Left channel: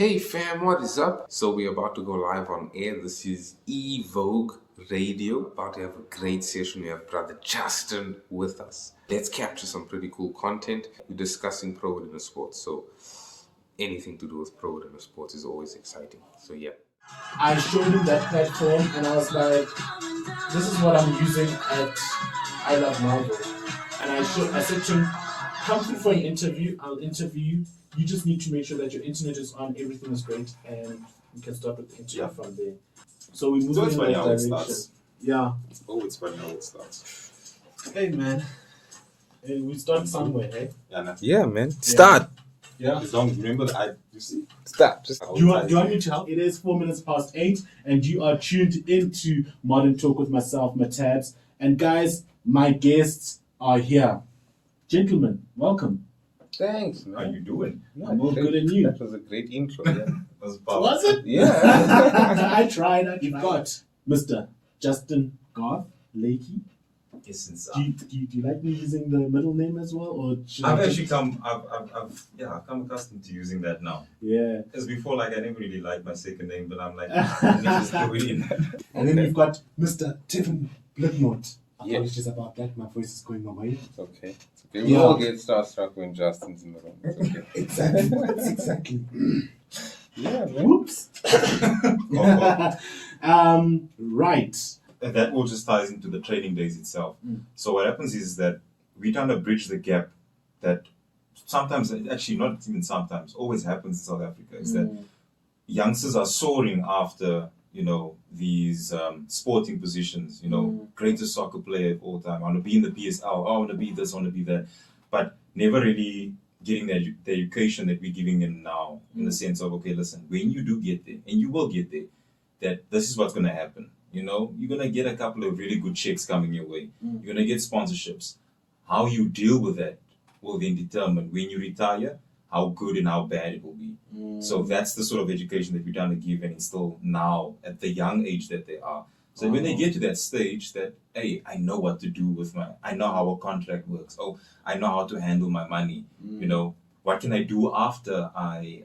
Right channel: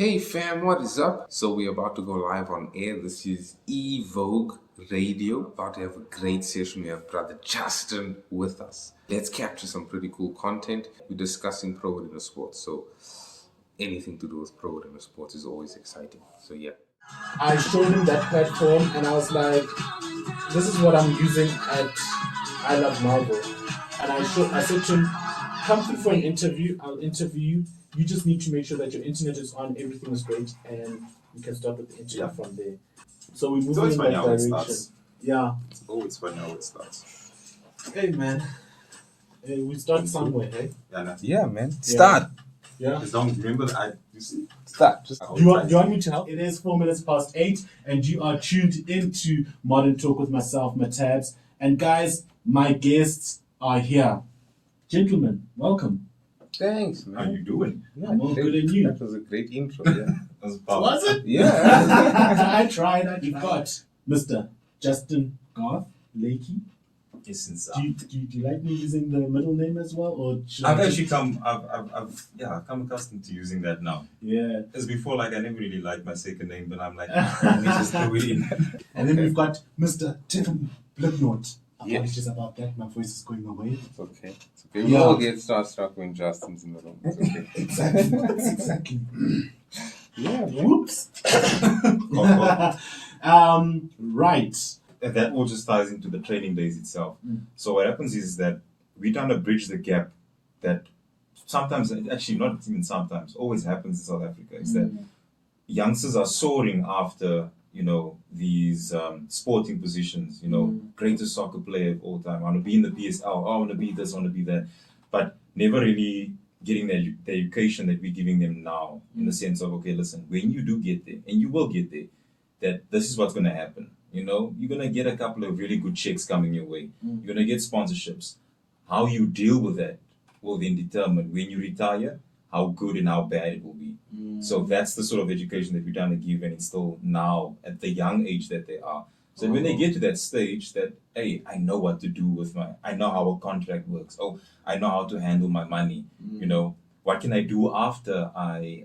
Hey fam, what is up? So we're about to go live on air. This is eVogue Radio. About to have a great session. We have brother Justin with us. Let's capture some pretty cool content. We're discussing pro arena sports. So anything to do with pro arena sports is always exciting. So yeah. I showed him that platform and I was like, this is what I'm using at I Love Marvel. And I said to him, come through for an interview, I'll interview you. You just need to make sure that your internet is on, everything is great, and you can start with the interview from there. So we move in that direction. Yeah. It's always funny how it starts. Hey man. Hey, we start somewhere, hey? Yeah, man. Start. Yeah. As long as remember that you see. Start. Do you want me to help? It is 8:04, and you are tuned into Modern Talk with myself, Matabs. And guys, my guests are here. Gentlemen, welcome. Thanks, man. How you doing? Yeah, I'm all good and you. That was a great intro, yeah. Was it? Yeah. I tried. You've got Mr. Justin Garth Lakey. Yes, Do you like me using the middle name as well, or I've come accustomed to using that now. Yeah. As before, like I never really liked my second name, but I'm like, let me just throw it in. And then we've got Mr. Tiffin Blipnot. Yeah. Apologies about that. My voice is going away. It's okay. We all get starstruck when Justin's in the room. It's okay. Exactly. Yeah, man. Whoops. Right. And that all just ties into the training days itself. So what happens is that we're trying to bridge the gap that sometimes, actually not even sometimes, always happens in South Africa, is that youngsters are soaring after, these sporting positions, greatest soccer player of all time. I want to be in the PSL, I want to be this, I want to be that. But never really getting the education that we're giving them now, in the sense of, okay, listen, when you do get there, and you will get there, that this is what's going to happen. You're going to get a couple of really good checks coming your way. You're going to get sponsorships. How you deal with that will then determine when you retire, how good and how bad it will be. So that's the sort of education that we're trying to give and instill now at the young age that they are. So when they get to that stage that, hey, I know what to do with I know how a contract works. Oh, I know how to handle my money. What can I do after I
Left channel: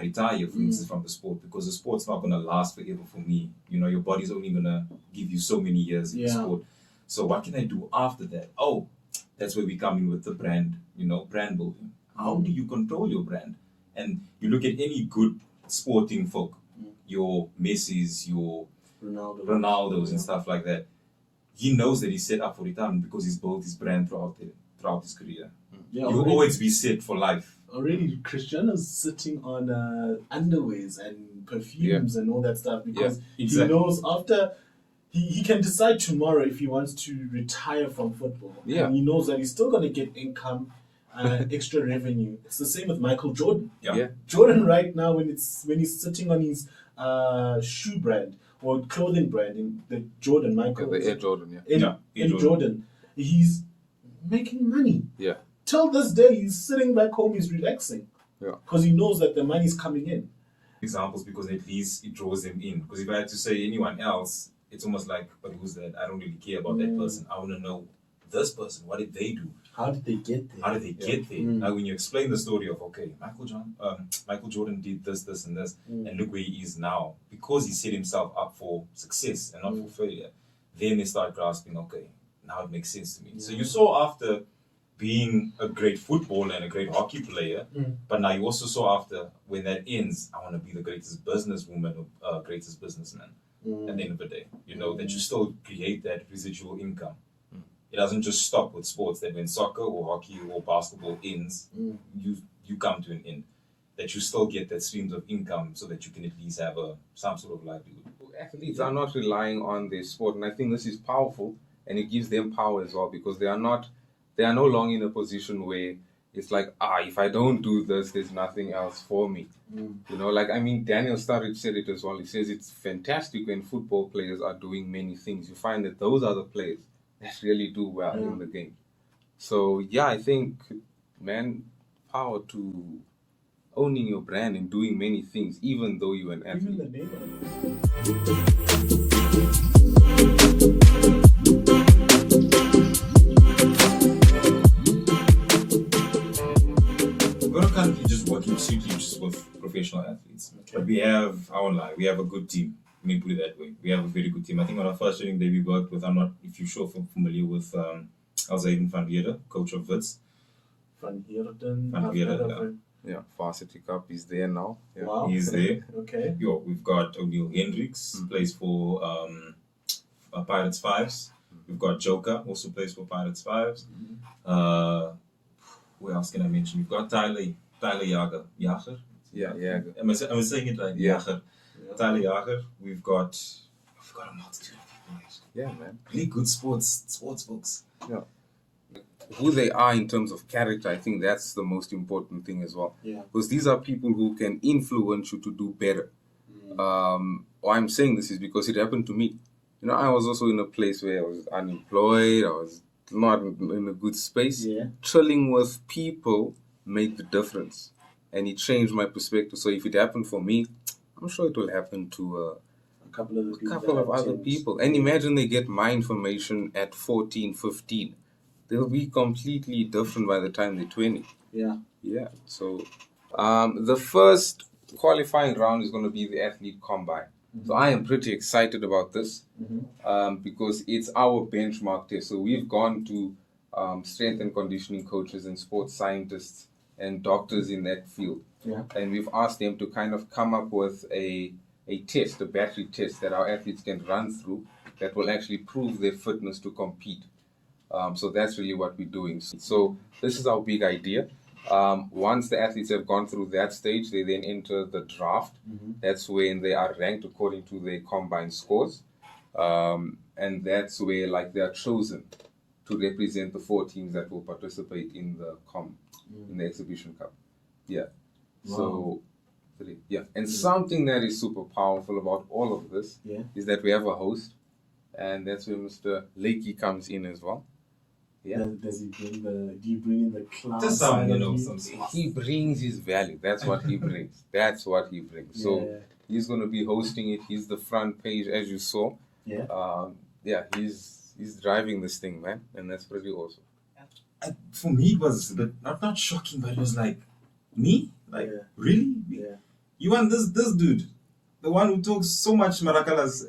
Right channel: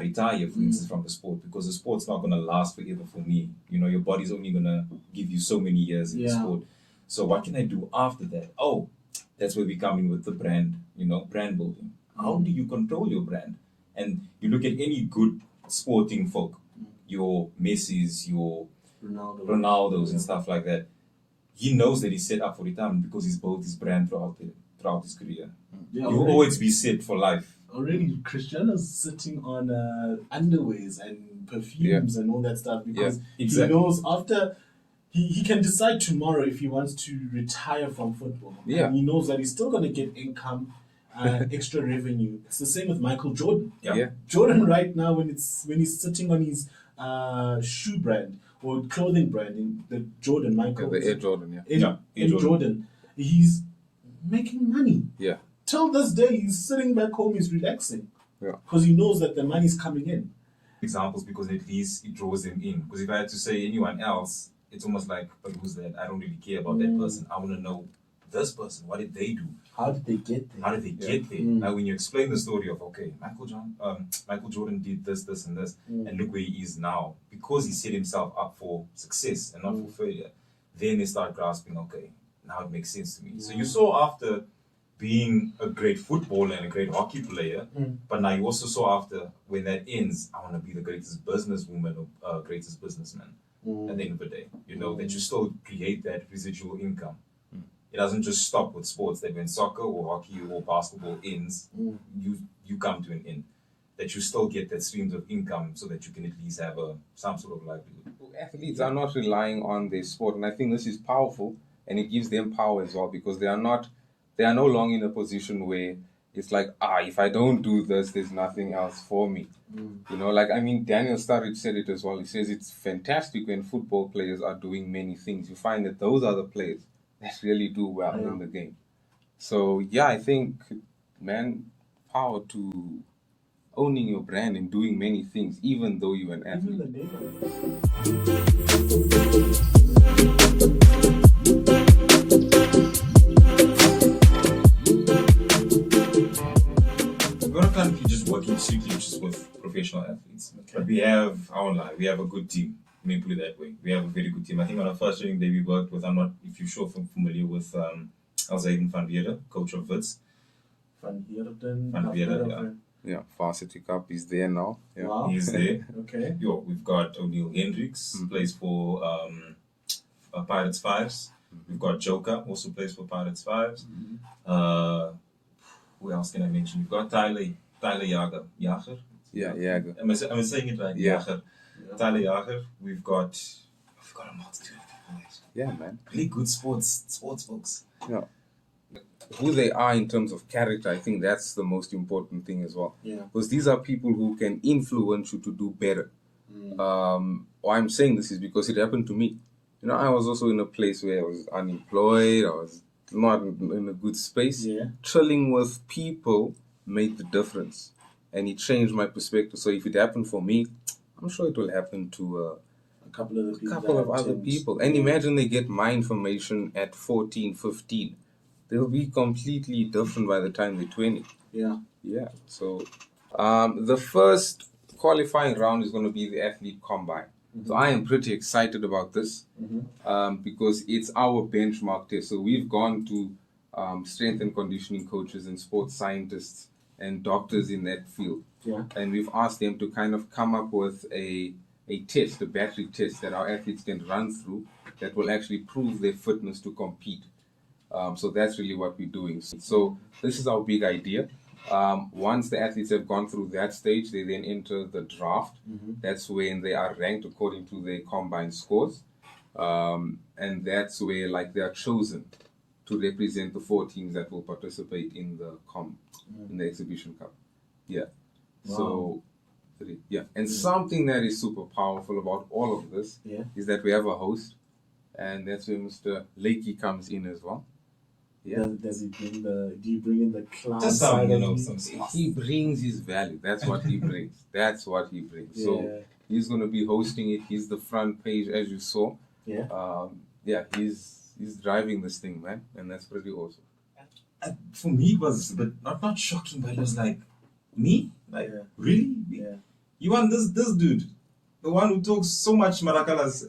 retire, for instance, from the sport? Because the sport's not going to last forever for me. Your body's only going to give you so many years in the sport. So what can I do after that? Oh, that's where we come in with the brand, brand building. How do you control your brand? And you look at any good sporting folk, your Messi's, your Ronaldo's and stuff like that. He knows that he's set up for retirement because he's built his brand throughout his career. Yeah, you'll always be set for life. Already, Cristiano's sitting on underwears and perfumes and all that stuff because he knows after he can decide tomorrow if he wants to retire from football. Yeah. And he knows that he's still going to get income, extra revenue. It's the same with Michael Jordan. Yeah. Jordan right now, when he's sitting on his shoe brand or clothing brand, in the Jordan, Michael. The Air Jordan, Air Jordan. He's making money. Yeah. Till this day, he's sitting back home, he's relaxing. Yeah. Because he knows that the money's coming in. Examples, because at least it draws them in. Because if I had to say anyone else, it's almost like, but who's that? I don't really care about that person. I want to know this person. What did they do? How did they get there? How did they get there? Now, when you explain the story of, okay, Michael Jordan did this, this, and this, and look where he is now, because he set himself up for success and not for failure, then they start grasping, okay, now it makes sense to me. So you saw after being a great footballer and a great hockey player, but now you also saw after, when that ends, I want to be the greatest businesswoman or greatest businessman at the end of the day. That you still create that residual income. It doesn't just stop with sports, that when soccer or hockey or basketball ends, you come to an end. That you still get that streams of income so that you can at least have some sort of livelihood. Athletes are not relying on their sport, and I think this is powerful, and it gives them power as well, because they are no longer in a position where it's like, if I don't do this, there's nothing else for me. Daniel Sturridge said it as well. He says it's fantastic when football players are doing many things. You find that those are the players that really do well in the game. So, I think, man, power to owning your brand and doing many things, even though you're an athlete. We're not currently just working strictly just with professional athletes. But we have, I won't lie, we have a good team. Let me put it that way. We have a very good team. I think on our first training day we worked with, I'm not, if you're sure familiar with Alzaiden van Weerde, coach of Wits. Van Heerden. Van Weerde, Yeah, Varsity Cup is there now. Yeah. Wow. He's there. Okay. Yo, we've got O'Neill Hendricks, plays for Pirates Fives. We've got Joker, also plays for Pirates Fives. Who else can I mention? We've got Tyler Jager. Jager? Yeah, yeah. Am I saying it right? Yeah. Jager. Tyler Jager. We've got a multitude of people. Yeah, man. Really good sports folks. Yeah. Who they are in terms of character, I think that's the most important thing as well. Yeah. Because these are people who can influence you to do better. Why I'm saying this is because it happened to me. You know, I was also in a place where I was unemployed. I was not in a good space. Yeah. Chilling with people made the difference. And it changed my perspective. So if it happened for me, I'm sure it will happen to A couple of the a people. couple of that other attend. people. And imagine they get my information at 14, 15. They'll be completely different by the time they're 20. Yeah. Yeah. So the first qualifying round is going to be the athlete combine. So I am pretty excited about this because it's our benchmark test. So we've gone to strength and conditioning coaches and sports scientists and doctors in that field. Yeah. And we've asked them to kind of come up with a test, a battery test that our athletes can run through that will actually prove their fitness to compete. So that's really what we're doing. So this is our big idea. Once the athletes have gone through that stage, they then enter the draft. That's when they are ranked according to their combined scores. And that's where they are chosen to represent the 4 teams that will participate in the in the exhibition cup. Yeah. Wow. So yeah. And something that is super powerful about all of this is that we have a host, and that's where Mr. Lakey comes in as well. Yeah. Does he bring do you bring in the clown Just side of you? some sauce. He brings his value. That's what he brings. That's what he brings. Yeah. So he's going to be hosting it. He's the front page, as you saw. Yeah. He's driving this thing, man, and that's pretty awesome. For me, it was a bit not shocking, but it was like, me? Like, Yeah. really? Yeah. You want this dude, the one who talks so much marakalas,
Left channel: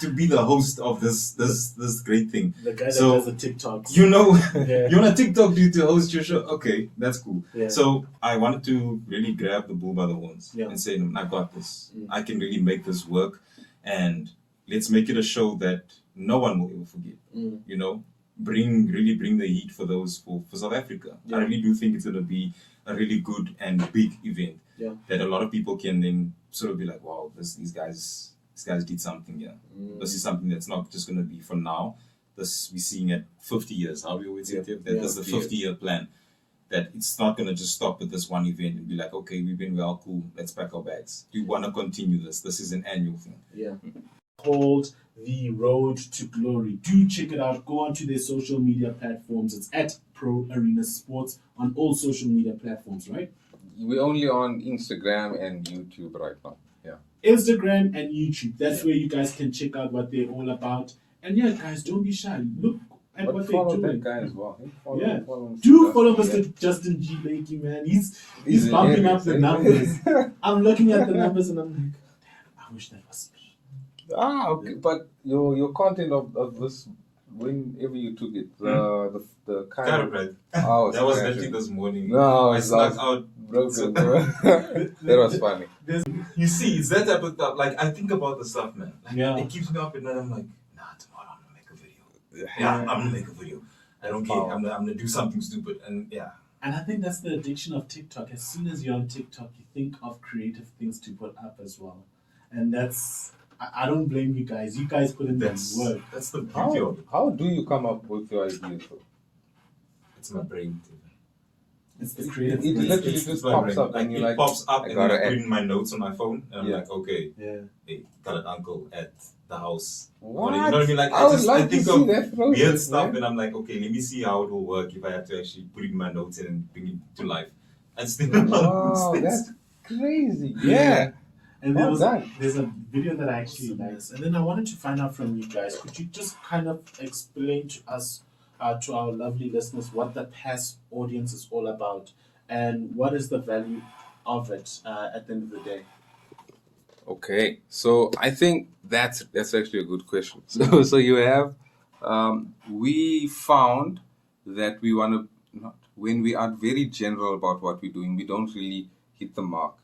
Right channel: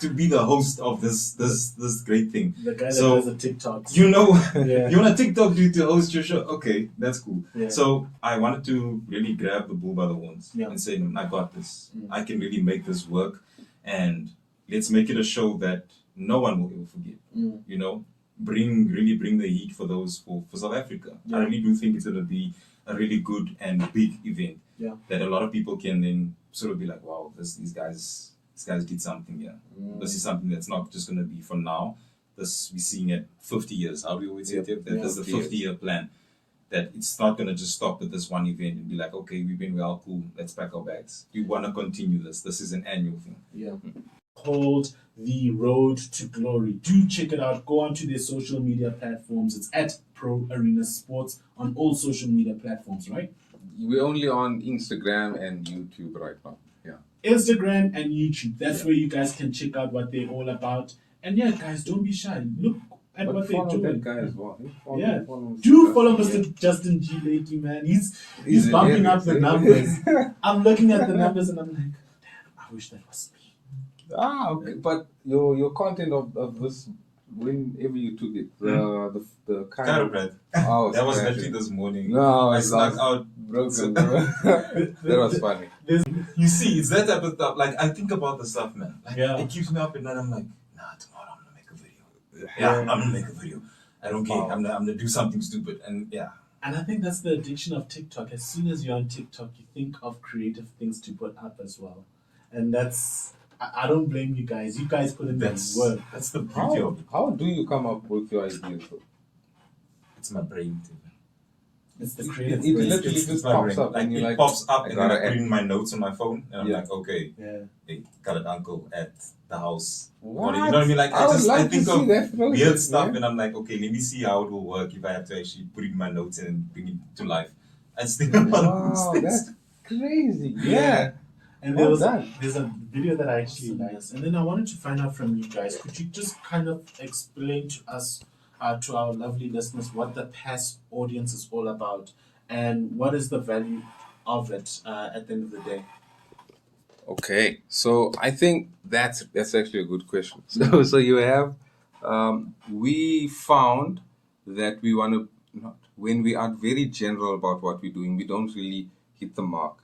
to be the host of this great thing. The guy that So, does the TikToks. You know, Yeah. you want a TikTok dude to host your show? Okay, that's cool. Yeah. So I wanted to really grab the bull by the horns Yeah. and say, I got this. I can really make this work, and let's make it a show that no one will ever forget. You know, really bring the heat for those for South Africa. Yeah. I really do think it's going to be a really good and big event. Yeah. That a lot of people can then sort of be like, wow, these guys did something here. This is something that's not just going to be for now. This we're seeing at 50 years. How do we always say it? That is the 50-year plan. That it's not going to just stop at this one event and be like, okay, we've been well, cool, let's pack our bags. We want to continue this. This is an annual thing. Yeah. Called The Road to Glory. Do check it out. Go onto their social media platforms. It's at Pro Arena Sports on all social media platforms, right? We're only on Instagram and YouTube right now. Yeah. Instagram and YouTube. That's where you guys can check out what they're all about. And yeah, guys, don't be shy. Look at But what they're follow doing. that guy as well. Yeah. Follow Do follow Mr. Justin G. Lakey, man. He's bumping up the numbers. I'm looking at the numbers and I'm like, damn, I wish that was me. Okay. But your content of this, whenever you took it, the kind of Chiropractic. that was actually this morning. No, I it's snuck like out. broken. That was funny. You see, it's that type of stuff. Like, I think about the stuff, man. Like, Yeah. it keeps me up at night. I'm like, nah, tomorrow I'm gonna make a video. Yeah, I'm gonna make a video. I don't care. I'm gonna do something stupid. And yeah. And I think that's the addiction of TikTok. As soon as you're on TikTok, you think of creative things to put up as well. And that's, I don't blame you guys. You guys put in that work. That's the beauty of it. How do you come up with your ideas though? It's my brain. It's the creative It brain. literally It's just my pops brain. up and you're it like, pops up I and then I gotta put add. in my notes on my phone and I'm Yeah. like, okay, Yeah. hey, got an uncle at the house. what? You know what I mean? Like, I would like I think to see of that process, weird stuff man. and I'm like, okay, let me see how it will work if I have to actually put it in my notes and bring it to life. And still a lot of Wow, things. that's crazy. Yeah. Yeah. And Well done. there's a video that I actually liked. And then I wanted to find out from you guys, could you just kind of explain to us, to our lovely listeners, what the PASS audience is all about and what is the value of it at the end of the day? Okay, so I think that's actually a good question. So you have, we found that we want to, not, when we are very general about what we're doing, we don't really hit the mark,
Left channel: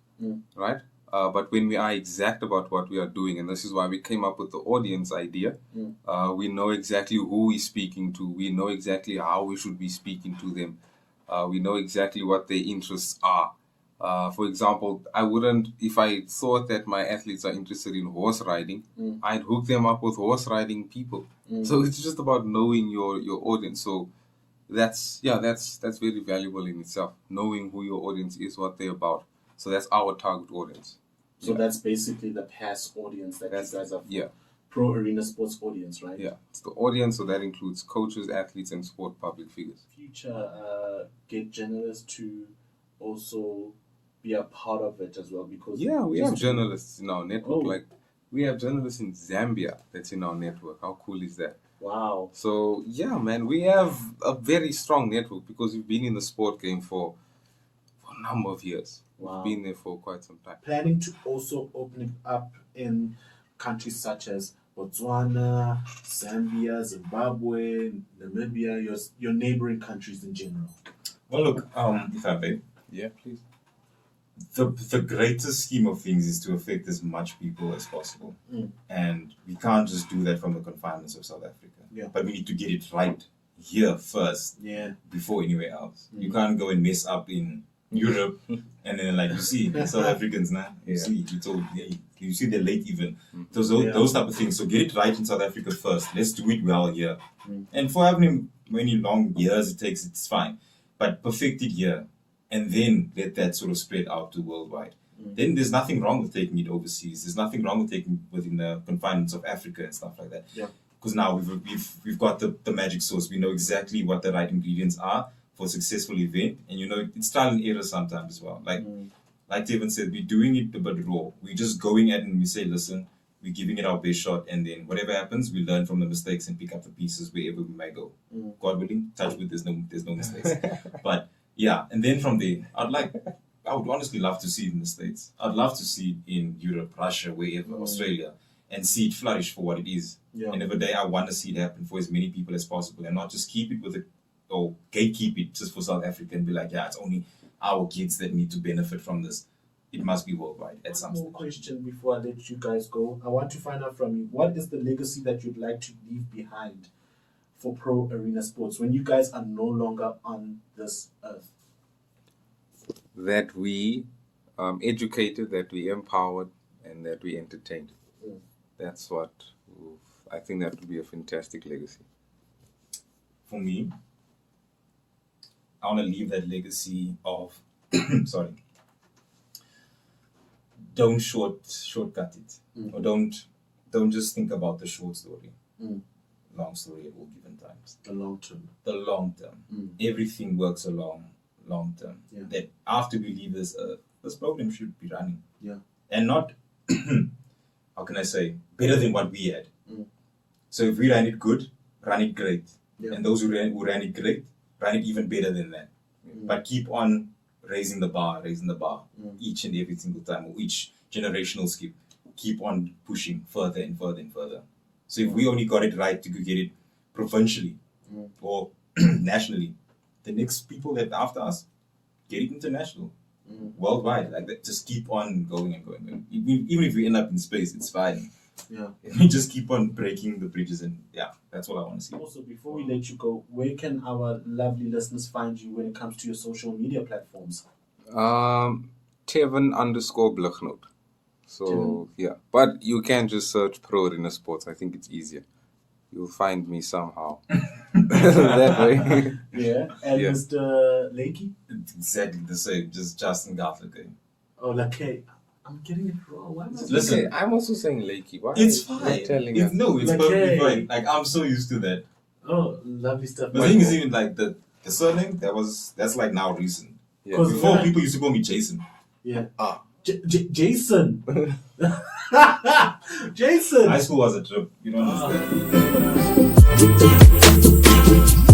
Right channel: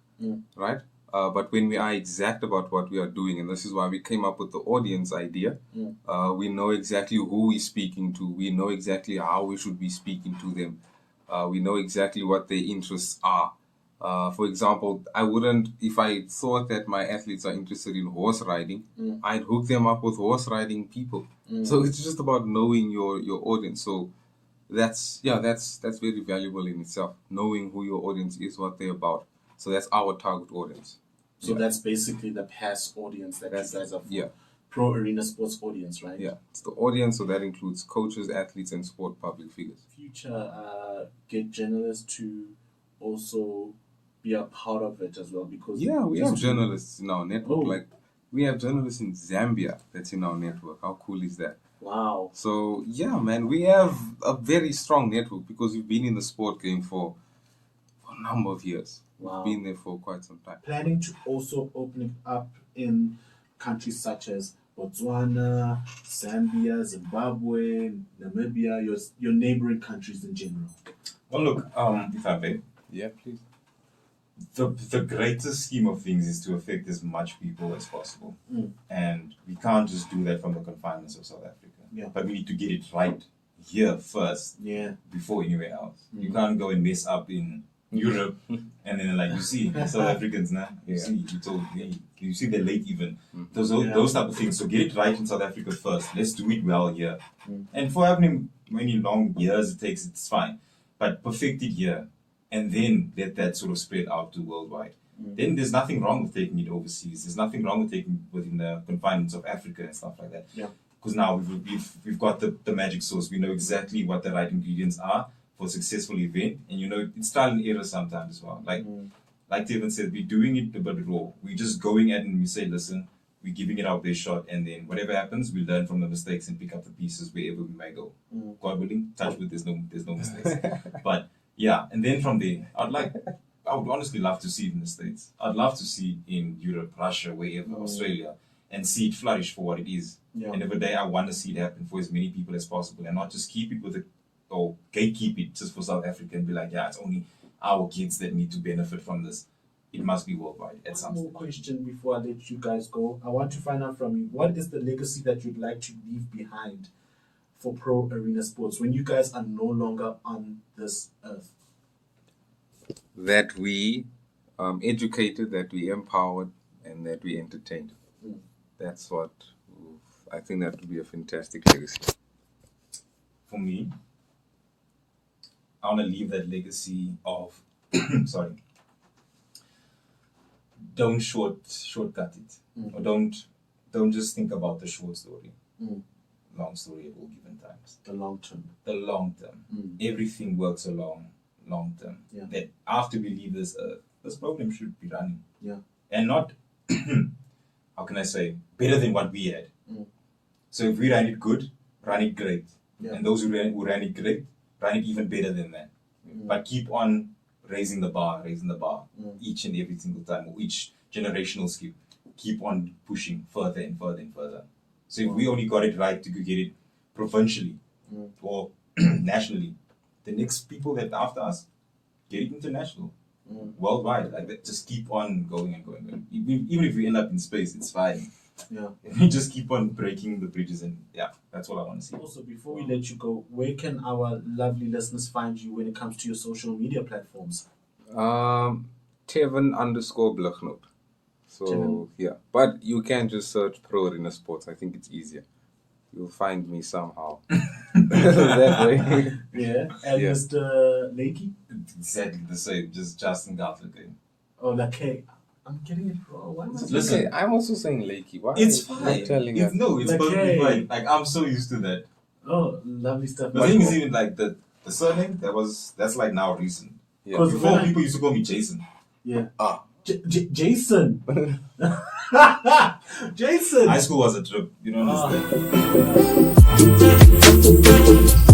right? But when we are exact about what we are doing, and this is why we came up with the audience idea, we know exactly who we're speaking to, we know exactly how we should be speaking to them, we know exactly what their interests are. For example, I wouldn't, if I thought that my athletes are interested in horse riding, I'd hook them up with horse riding people. So it's just about knowing your audience. So that's very valuable in itself. Knowing who your audience is, what they're about. So that's our target audience. So that's basically the PASS audience that you guys are for. Yeah. Pro Arena Sports audience, right? Yeah, it's the audience, so that includes coaches, athletes, and sport public figures. Future get journalists to also be a part of it as well, because we have journalists in our network. Like we have journalists in Zambia that's in our network. How cool is that? Wow. So yeah, man, we have a very strong network because we've been in the sport game for a number of years. Wow. We've been there for quite some time. Planning to also open it up in countries such as Botswana, Zambia, Zimbabwe, Namibia, your neighboring countries in general. Well, look, if I may, Yeah, please. the greatest scheme of things is to affect as much people as possible. And we can't just do that from the confinements of South Africa. Yeah. But we need to get it right here first, before anywhere else. You can't go and mess up in Europe and then, like, you see South Africans now, you see they're late even. Those type of things. So get it right in South Africa first. Let's do it well here. And for having many long years it takes, it's fine. But perfect it here. And then let that sort of spread out to worldwide. Then there's nothing wrong with taking it overseas. There's nothing wrong with taking it within the confinements of Africa and stuff like that. Yeah. Because now we've got the magic sauce. We know exactly what the right ingredients are for a successful event, and it's trial and error sometimes as well. Like Tevin said, we're doing it a bit raw. We're just going at it and we say, listen, we're giving it our best shot, and then whatever happens, we learn from the mistakes and pick up the pieces wherever we may go. God willing, touch wood, there's no mistakes. But yeah, and then from there, I would honestly love to see it in the States. I'd love to see it in Europe, Russia, wherever, Australia, and see it flourish for what it is. Yeah. And every day I want to see it happen for as many people as possible, and not just keep it or gatekeep it just for South Africa and be like, yeah, it's only our kids that need to benefit from this. It must be worldwide at some One more stage. question before I let you guys go. I want to find out from you, what is the legacy that you'd like to leave behind for Pro Arena Sports when you guys are no longer on this earth? That we educated, that we empowered, and that we entertained. That's what I think that would be a fantastic legacy. For me, I want to leave that legacy of sorry. Don't shortcut it, or don't just think about the short story. Long story at all given times. The long term. The long term. Everything works along long term. Yeah. That after we leave this earth, this program should be running. Yeah. And not how can I say, better than what we had. So if we ran it good, run it great. Yeah. And those who ran it great, run it even better than that. But keep on raising the bar each and every single time, or each generational skip. Keep on pushing further and further and further. So if we only got it right to get it provincially or nationally, the next people that after us get it international, worldwide. Like that, just keep on going and going. Even if we end up in space, it's fine. Yeah. We just keep on breaking the bridges, and yeah, that's all I want to see. Also, before we let you go, where can our lovely listeners find you when it comes to your social media platforms? Tevin_Blichnoot. So Tevin. yeah, but you can just search Pro Arena Sports. I think it's easier. You'll find me somehow. That way. Yeah. And Yeah. Mr. Lakey? Exactly the same, just Justin Garfield. Oh, Lakey. I'm getting it wrong. Why am I Listen, Okay, I'm also saying Lakey. Why it's are you fine. telling It's us? perfectly Okay. fine. Like, I'm so used to that. Oh, lovely stuff. The thing is, even like the surname, that's like now recent. Yeah. Cause Before, when I- people used to call me Jason. Yeah. Ah. Jason. Jason. High school was a trip. You don't understand. Ah.